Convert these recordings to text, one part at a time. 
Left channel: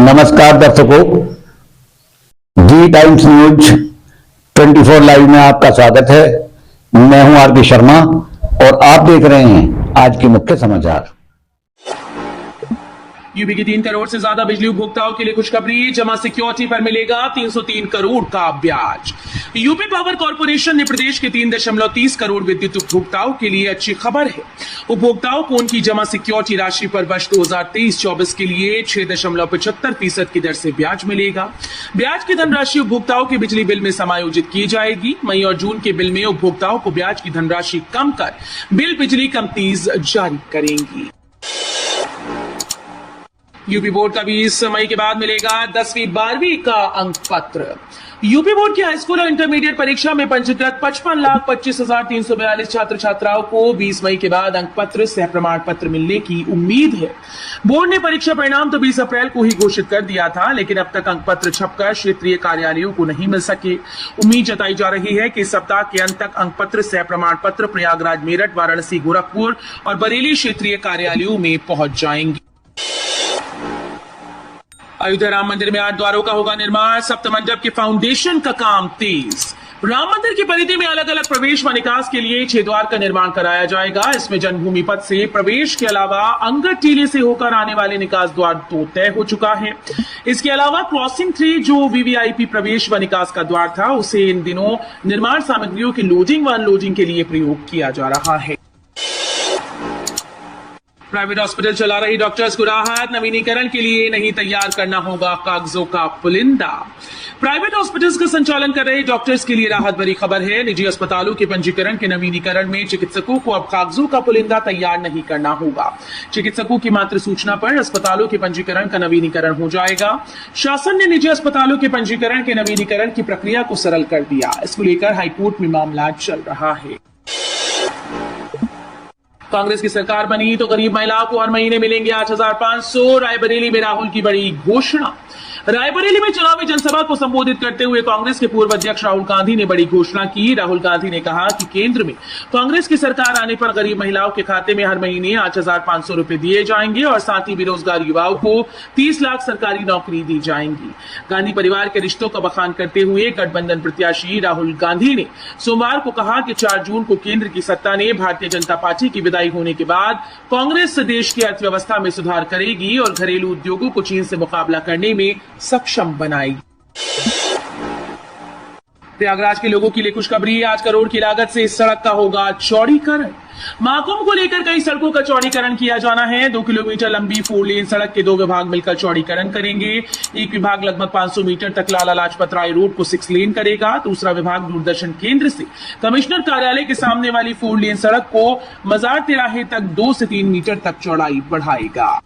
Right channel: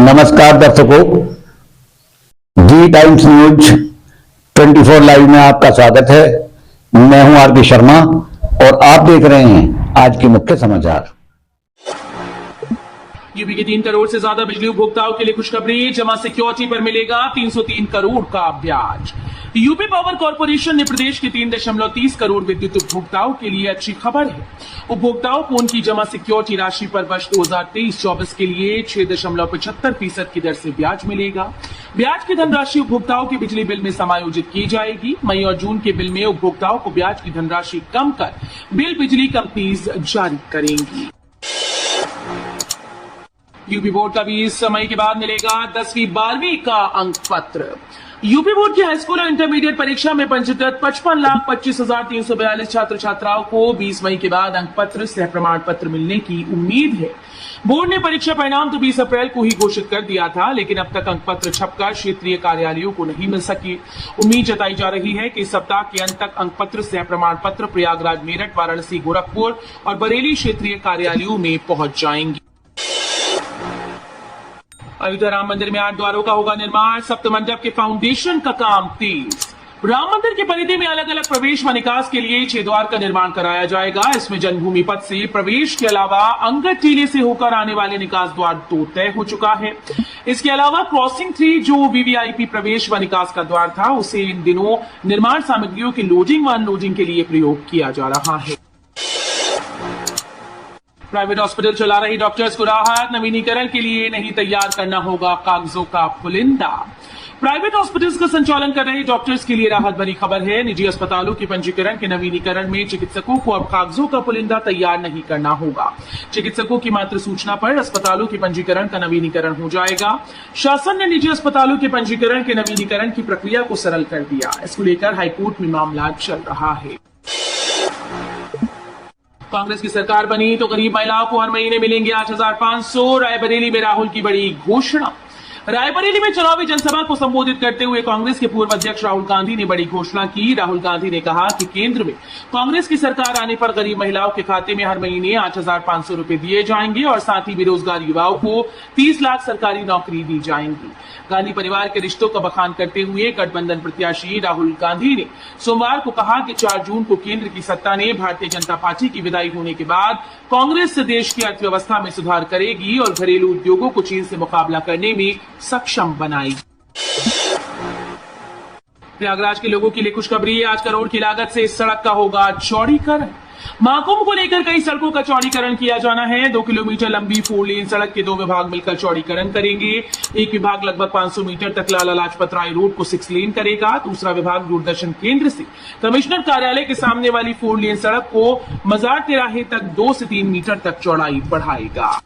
नमस्कार दर्शकों, जी times news 24 live में आपका स्वागत है। मैं हूं आर के शर्मा और आप देख रहे हैं आज के मुख्य समाचार। यूपी के 3 करोड़ से ज्यादा बिजली उपभोक्ताओं के लिए खुशखबरी, जमा सिक्योरिटी पर मिलेगा 303 करोड़ का ब्याज। यूपी पावर कॉर्पोरेशन ने प्रदेश के 3.30 करोड़ विद्युत उपभोक्ताओं के लिए अच्छी खबर है। उपभोक्ताओं को उनकी जमा सिक्योरिटी राशि पर वर्ष 2023-24 के लिए 6.75% की दर से ब्याज मिलेगा। ब्याज की धनराशि उपभोक्ताओं के बिजली बिल में समायोजित की जाएगी। मई और जून के बिल में उपभोक्ताओं को ब्याज की धनराशि कम कर बिल बिजली कंपनीज जारी करेंगी। यूपी बोर्ड का 20 मई के बाद मिलेगा 10वीं 12वीं का अंक पत्र। यूपी बोर्ड की हाईस्कूल और इंटरमीडिएट परीक्षा में पंजीकृत 55,25,342 छात्र छात्राओं को 20 मई के बाद अंक पत्र सह प्रमाण पत्र मिलने की उम्मीद है। बोर्ड ने परीक्षा परिणाम तो 20 अप्रैल को ही घोषित कर दिया था, लेकिन अब तक अंक पत्र छपकर क्षेत्रीय कार्यालयों को नहीं मिल सके। उम्मीद जताई जा रही है कि इस सप्ताह के अंत तक अंक पत्र सह प्रमाण पत्र प्रयागराज, मेरठ, वाराणसी, गोरखपुर और बरेली क्षेत्रीय कार्यालयों में पहुंच जाएंगे। अयोध्या राम मंदिर में 8 द्वारों का होगा निर्माण, सप्तमंडप के फाउंडेशन का काम तेज। राम मंदिर की परिधि में अलग अलग प्रवेश व निकास के लिए 6 द्वार का निर्माण कराया जाएगा। इसमें जन्मभूमि पथ से प्रवेश के अलावा अंगद टीले से होकर आने वाले निकास द्वार तो तय हो चुका है। इसके अलावा क्रॉसिंग 3 जो वीवीआईपी प्रवेश व निकास का द्वार था, उसे इन दिनों निर्माण सामग्रियों के लोडिंग व अनलोडिंग के लिए प्रयोग किया जा रहा है। प्राइवेट हॉस्पिटल चला रही डॉक्टर्स को राहत, नवीनीकरण के लिए नहीं तैयार करना होगा कागजों का पुलिंदा। प्राइवेट हॉस्पिटल्स का संचालन कर रहे डॉक्टर्स के लिए राहत भरी खबर है। निजी अस्पतालों के पंजीकरण के नवीनीकरण में चिकित्सकों को अब कागजों का पुलिंदा तैयार नहीं करना होगा। चिकित्सकों की मात्र सूचना पर अस्पतालों के पंजीकरण का नवीनीकरण हो जाएगा। शासन ने निजी अस्पतालों के पंजीकरण के नवीनीकरण की प्रक्रिया को सरल कर दिया। इसको लेकर हाईकोर्ट में मामला चल रहा है। कांग्रेस की सरकार बनी तो गरीब महिलाओं को हर महीने मिलेंगे 8,500। रायबरेली में राहुल की बड़ी घोषणा। रायबरेली में चुनावी जनसभा को संबोधित करते हुए कांग्रेस के पूर्व अध्यक्ष राहुल गांधी ने बड़ी घोषणा की। राहुल गांधी ने कहा कि केंद्र में कांग्रेस की सरकार आने पर गरीब महिलाओं के खाते में हर महीने 8,500 रुपए दिए जाएंगे और साथ ही बेरोजगार युवाओं को 30 लाख सरकारी नौकरी दी जाएंगी। गांधी परिवार के रिश्तों का बखान करते हुए गठबंधन प्रत्याशी राहुल गांधी ने सोमवार को कहा कि 4 जून को केंद्र की सत्ता ने भारतीय जनता पार्टी की विदाई होने के बाद कांग्रेस देश की अर्थव्यवस्था में सुधार करेगी और घरेलू उद्योगों को चीन से मुकाबला करने में सक्षम बनाएगी। प्रयागराज के लोगों के लिए खुशखबरी है। 8 करोड़ की लागत से इस सड़क का होगा चौड़ीकरण। महाकुंभ को लेकर कई सड़कों का चौड़ीकरण किया जाना है। 2 किलोमीटर लंबी 4 लेन सड़क के 2 विभाग मिलकर चौड़ीकरण करेंगे। एक विभाग लगभग 500 मीटर तक लाला लाजपत राय रोड को 6 लेन करेगा। दूसरा विभाग दूरदर्शन केंद्र से कमिश्नर कार्यालय के सामने वाली 4 लेन सड़क को मजार तिराहे तक 2 से 3 मीटर तक चौड़ाई बढ़ाएगा।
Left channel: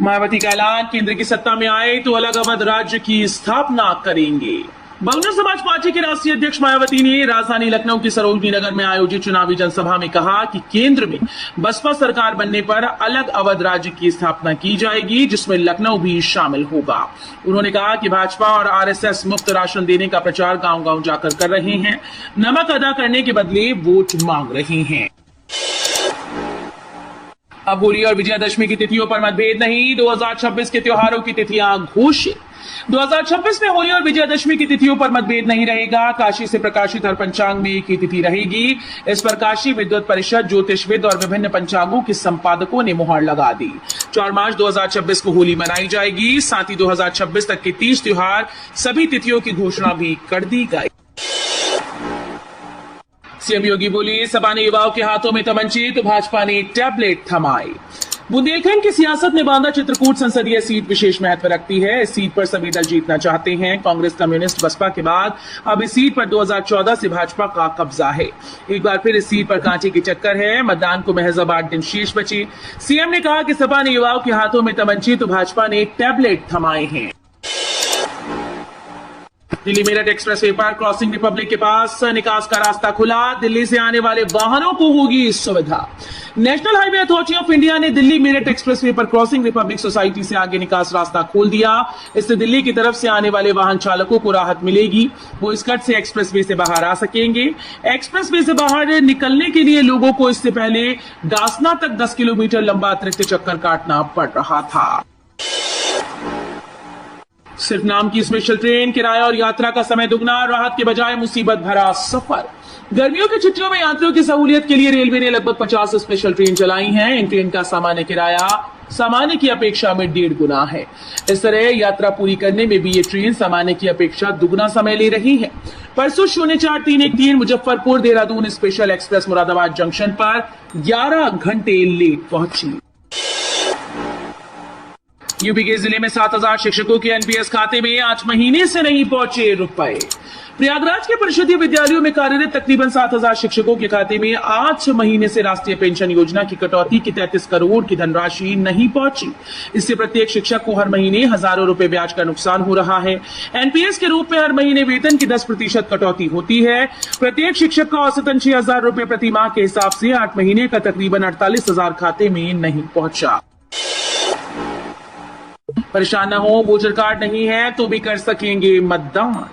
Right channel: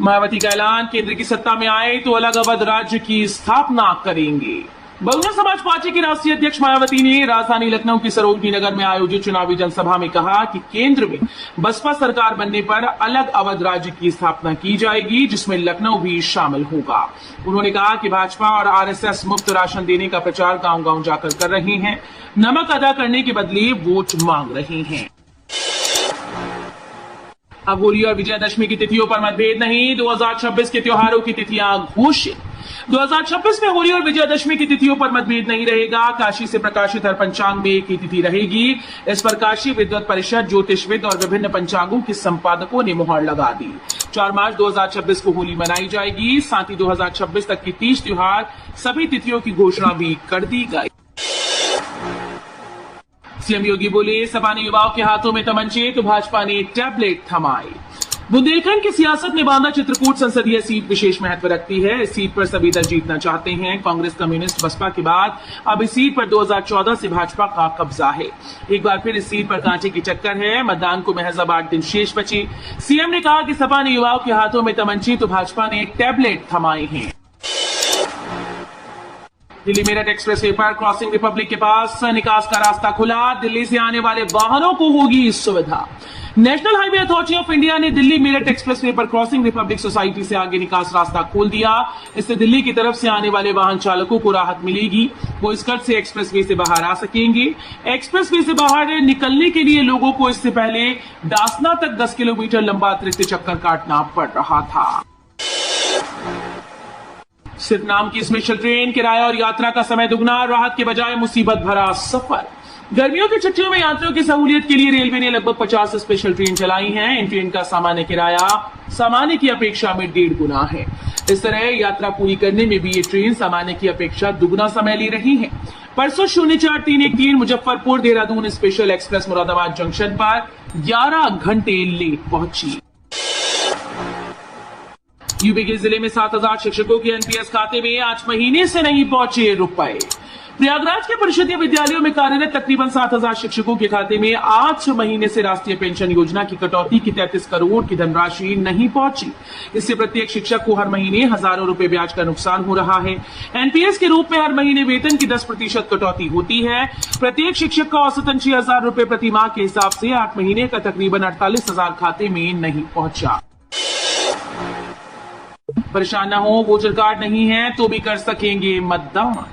मायावती का ऐलान, केंद्र की सत्ता में आए तो अलग अवध राज्य की स्थापना करेंगे। बहुजन समाज पार्टी की राष्ट्रीय अध्यक्ष मायावती ने राजधानी लखनऊ के सरोजनी नगर में आयोजित चुनावी जनसभा में कहा कि केंद्र में बसपा सरकार बनने पर अलग अवध राज्य की स्थापना की जाएगी, जिसमें लखनऊ भी शामिल होगा। उन्होंने कहा कि भाजपा और आरएसएस मुफ्त राशन देने का प्रचार गांव-गांव जाकर कर रहे हैं, नमक अदा करने के बदले वोट मांग रहे हैं। अब होली और विजयादशमी की तिथियों पर मतभेद नहीं, 2026 के त्योहारों की तिथियां घोषित। 2026 में होली और विजयादशमी की तिथियों पर मतभेद नहीं रहेगा। काशी से प्रकाशित हर पंचांग में एक ही तिथि रहेगी। इस पर काशी विद्वत परिषद, ज्योतिषविद और विभिन्न पंचांगों के संपादकों ने मुहर लगा दी। 4 मार्च 2026 को होली मनाई जाएगी। साथ ही 2026 तक के 30 त्योहार सभी तिथियों की घोषणा भी कर दी गई। सीएम योगी बोले, सपा ने युवाओं के हाथों में तमंचे तो भाजपा ने टैबलेट थमाए। बुंदेलखंड की सियासत में बांदा चित्रकूट संसदीय सीट विशेष महत्व रखती है। इस सीट पर सभी दल जीतना चाहते हैं। कांग्रेस, कम्युनिस्ट, बसपा के बाद अब इस सीट पर 2014 से भाजपा का कब्जा है। एक बार फिर इस सीट पर कांटे की टक्कर है। मतदान को महज 8 दिन शेष बचे। सीएम ने कहा कि सपा ने युवाओं के हाथों में तमंचे तो भाजपा ने टैबलेट थमाए हैं। दिल्ली मेरठ एक्सप्रेसवे पर क्रॉसिंग रिपब्लिक के पास निकास का रास्ता खुला। दिल्ली से आने वाले वाहनों को होगी इस सुविधा। National highway authority of India ने दिल्ली मेरठ एक्सप्रेसवे पर क्रॉसिंग रिपब्लिक सोसाइटी से आगे निकास रास्ता खोल दिया। इससे दिल्ली की तरफ से आने वाले वाहन चालकों को राहत मिलेगी। वो इस कट से एक्सप्रेसवे से बाहर आ सकेंगे। एक्सप्रेसवे से बाहर निकलने के लिए लोगों को इससे पहले डासना तक 10 किलोमीटर लंबा अतिरिक्त चक्कर काटना पड़ रहा था। सिर्फ नाम की स्पेशल ट्रेन, किराया और यात्रा का समय दुगना, राहत के बजाय मुसीबत भरा सफर। गर्मियों की छुट्टियों में यात्रियों की सहूलियत के लिए रेलवे ने लगभग 50 स्पेशल ट्रेन चलाई हैं। इन ट्रेन का सामान्य किराया सामान्य की अपेक्षा में 1.5 गुना है। इस तरह यात्रा पूरी करने में भी ये ट्रेन सामान्य की अपेक्षा दुगना समय ले रही है। परसों 04-313 Muzaffarpur Dehradun special express Moradabad junction पर 11 घंटे लेट पहुंची। यूपी के जिले में 7,000 शिक्षकों के एनपीएस खाते में 8 महीने से नहीं पहुंचे रुपए। प्रयागराज के परिषदीय विद्यालयों में कार्यरत तकरीबन 7,000 शिक्षकों के खाते में 8 महीने से राष्ट्रीय पेंशन योजना की कटौती की 33 करोड़ की धनराशि नहीं पहुंची। इससे प्रत्येक शिक्षक को हर महीने हजारों रुपए ब्याज का नुकसान हो रहा है। एनपीएस के रूप में हर महीने वेतन की 10% कटौती होती है। प्रत्येक शिक्षक का औसतन 6,000 रुपए प्रति माह के हिसाब से 8 महीने का तकरीबन 48,000 खाते में नहीं पहुंचा। परेशान न हो, वोटर कार्ड नहीं है तो भी कर सकेंगे मतदान।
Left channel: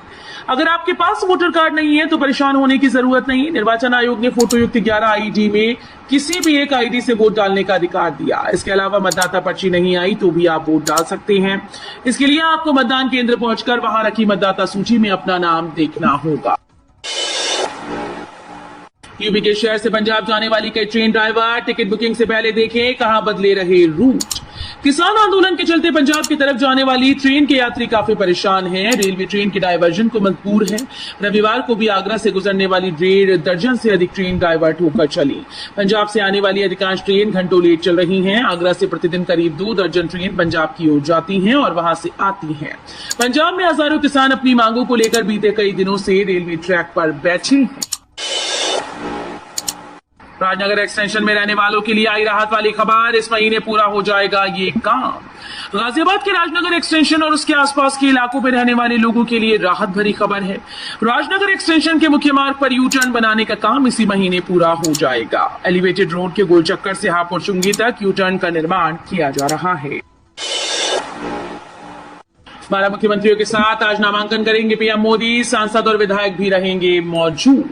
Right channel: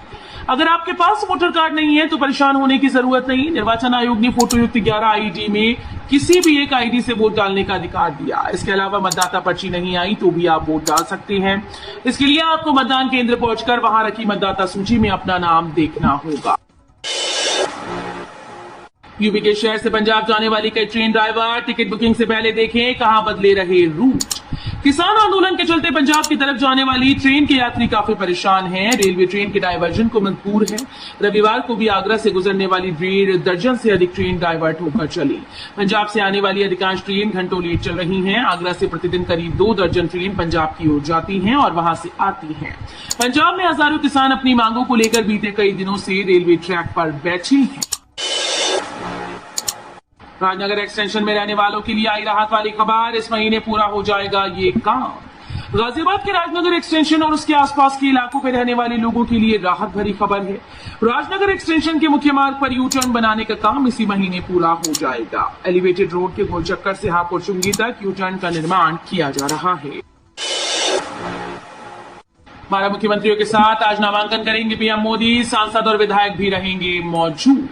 अगर आपके पास वोटर कार्ड नहीं है तो परेशान होने की जरूरत नहीं। निर्वाचन आयोग ने फोटोयुक्त 11 आईडी में किसी भी एक आईडी से वोट डालने का अधिकार दिया। इसके अलावा मतदाता पर्ची नहीं आई तो भी आप वोट डाल सकते हैं। इसके लिए आपको मतदान केंद्र पहुंचकर वहां रखी मतदाता सूची में अपना नाम देखना होगा। यूपी के शहर से पंजाब जाने वाली कई ट्रेन ड्राइवर टिकट बुकिंग से पहले देखें कहां बदले रहे रूट। किसान आंदोलन के चलते पंजाब की तरफ जाने वाली ट्रेन के यात्री काफी परेशान हैं। रेलवे ट्रेन के डायवर्जन को मजबूर है। रविवार को भी आगरा से गुजरने वाली 1.5 दर्जन से अधिक ट्रेन डायवर्ट होकर चली। पंजाब से आने वाली अधिकांश ट्रेन घंटों लेट चल रही हैं। आगरा से प्रतिदिन करीब 2 दर्जन ट्रेन पंजाब की ओर जाती हैं और वहां से आती हैं। पंजाब में हजारों किसान अपनी मांगों को लेकर बीते कई दिनों से रेलवे ट्रैक पर बैठे हैं। राजनगर एक्सटेंशन में रहने वालों के लिए आई राहत वाली खबर। इस महीने पूरा हो जाएगा ये काम। गाजियाबाद के राजनगर एक्सटेंशन और उसके आसपास के इलाकों में रहने वाले लोगों के लिए राहत भरी खबर है। राजनगर एक्सटेंशन के मुख्य मार्ग पर यू टर्न बनाने का काम इसी महीने पूरा हो जाएगा। एलिवेटेड रोड के गोल चक्कर से हापुड़ चुंगी तक यू टर्न का निर्माण किया जा रहा है। 12 मुख्यमंत्रियों के साथ आज नामांकन करेंगे पीएम मोदी। सांसद और विधायक भी रहेंगे मौजूद।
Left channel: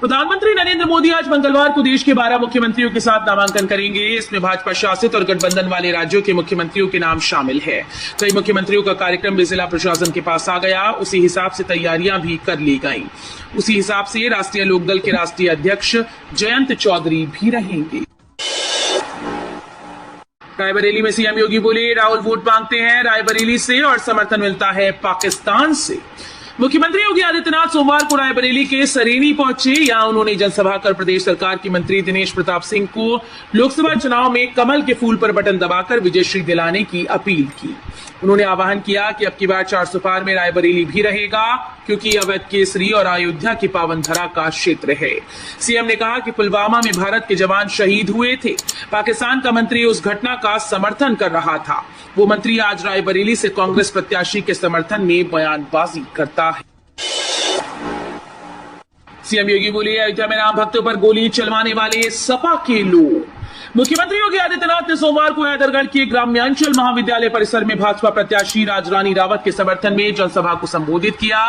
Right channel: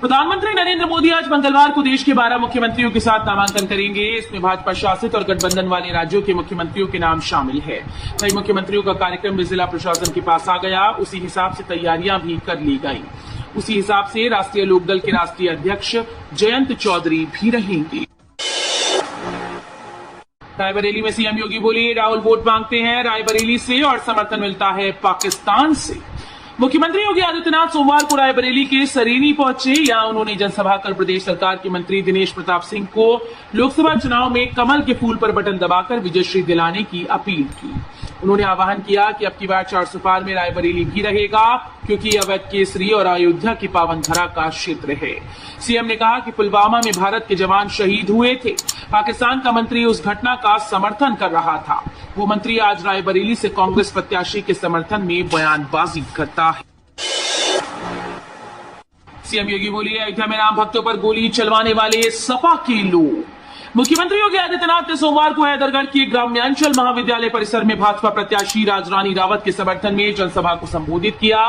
प्रधानमंत्री नरेंद्र मोदी आज मंगलवार को देश के 12 मुख्यमंत्रियों के साथ नामांकन करेंगे। इसमें भाजपा शासित और गठबंधन वाले राज्यों के मुख्यमंत्रियों के नाम शामिल है। कई मुख्यमंत्रियों का कार्यक्रम भी जिला प्रशासन के पास आ गया। उसी हिसाब से तैयारियां भी कर ली गई। उसी हिसाब से राष्ट्रीय लोकदल के राष्ट्रीय अध्यक्ष जयंत चौधरी भी रहेंगे। रायबरेली में सीएम योगी बोले राहुल वोट मांगते हैं रायबरेली से और समर्थन मिलता है पाकिस्तान से। मुख्यमंत्री योगी आदित्यनाथ सोमवार को रायबरेली के सरेनी पहुंचे। यहां उन्होंने जनसभा कर प्रदेश सरकार के मंत्री दिनेश प्रताप सिंह को लोकसभा चुनाव में कमल के फूल पर बटन दबाकर विजयश्री दिलाने की अपील की। उन्होंने आह्वान किया कि अब की बार 400 पार में रायबरेली भी रहेगा, क्योंकि अवैध केसरी और अयोध्या के पावन धरा का क्षेत्र है। सीएम ने कहा कि पुलवामा में भारत के जवान शहीद हुए थे। पाकिस्तान का मंत्री उस घटना का समर्थन कर रहा था। वो मंत्री आज रायबरेली से कांग्रेस प्रत्याशी के समर्थन में बयानबाजी करता है। सीएम योगी बोले अयोध्या में राम भक्तों पर गोली चलवाने वाले सपा के लोग। मुख्यमंत्री योगी आदित्यनाथ ने सोमवार को हैदरगढ़ के ग्राम्यांचल महाविद्यालय परिसर में भाजपा प्रत्याशी राजरानी रावत के समर्थन में जनसभा को संबोधित किया।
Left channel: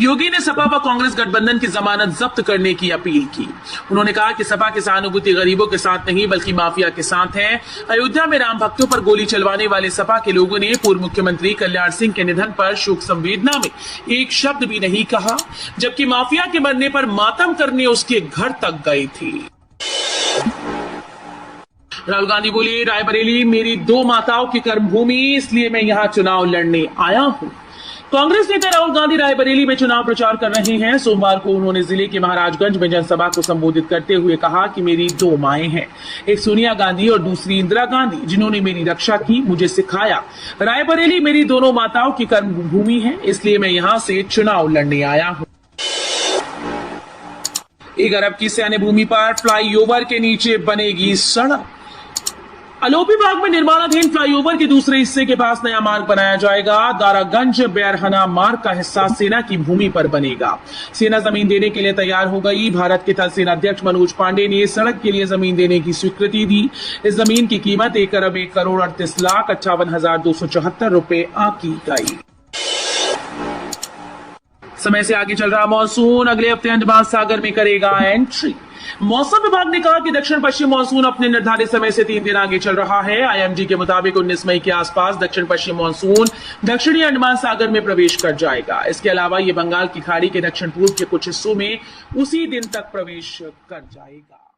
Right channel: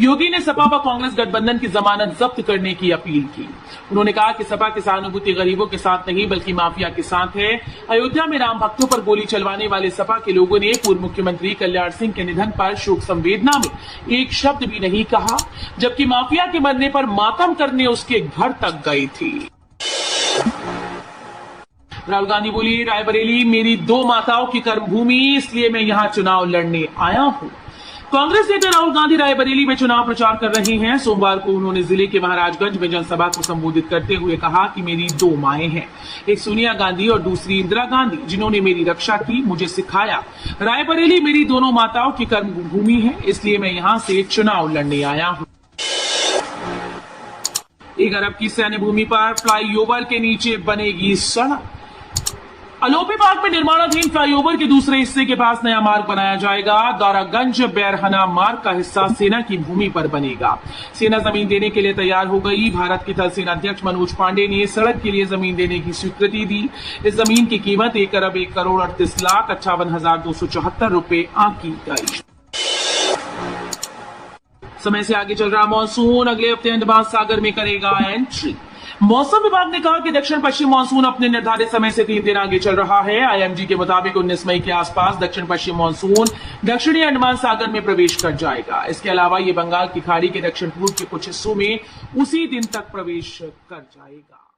योगी ने सपा व कांग्रेस गठबंधन की जमानत जब्त करने की अपील की। उन्होंने कहा कि सपा की सहानुभूति गरीबों के साथ नहीं बल्कि माफिया के साथ है। अयोध्या में राम भक्तों पर गोली चलवाने वाले सपा के लोगों ने पूर्व मुख्यमंत्री कल्याण सिंह के निधन पर शोक संवेदना में एक शब्द भी नहीं कहा, जबकि माफिया के मरने पर मातम करने उसके घर तक गए थे। राहुल गांधी बोली रायबरेली मेरी 2 माताओं की कर्मभूमि, इसलिए मैं यहां चुनाव लड़ने आया हूं। कांग्रेस नेता राहुल गांधी रायबरेली में चुनाव प्रचार कर रहे हैं। सोमवार को उन्होंने जिले के महाराजगंज में जनसभा को संबोधित करते हुए कहा कि मेरी 2 माएं हैं, एक सोनिया गांधी और दूसरी इंदिरा गांधी, जिन्होंने मेरी रक्षा की, मुझे सिखाया। रायबरेली मेरी दोनों माताओं की कर्मभूमि है, इसलिए मैं यहां से चुनाव लड़ने आया हूं। 1 अरब की सैन्य भूमि पर फ्लाईओवर के नीचे बनेगी सड़क। अलोपी बाग में निर्माणाधीन फ्लाईओवर के दूसरे हिस्से के पास नया मार्ग बनाया जाएगा। दारागंज बैरहना मार्ग का हिस्सा सेना की भूमि पर बनेगा। सेना जमीन देने के लिए तैयार हो गई। भारत के थल सेना अध्यक्ष मनोज पांडे ने सड़क के लिए जमीन देने की स्वीकृति दी। इस जमीन की कीमत 1,38,38,274 रुपए आंकी गई। समय से आगे चल रहा मॉनसून अगले हफ्ते अंडमान सागर में करेगा एंट्री। मौसम विभाग ने कहा कि दक्षिण पश्चिम मॉनसून अपने निर्धारित समय से 3 दिन आगे चल रहा है। आईएमडी के मुताबिक 19 मई के आसपास दक्षिण पश्चिम मॉनसून दक्षिणी अंडमान सागर में प्रवेश कर जाएगा। इसके अलावा ये बंगाल की खाड़ी के दक्षिण पूर्व के कुछ हिस्सों में उसी दिन तक प्रवेश कर जाएगा।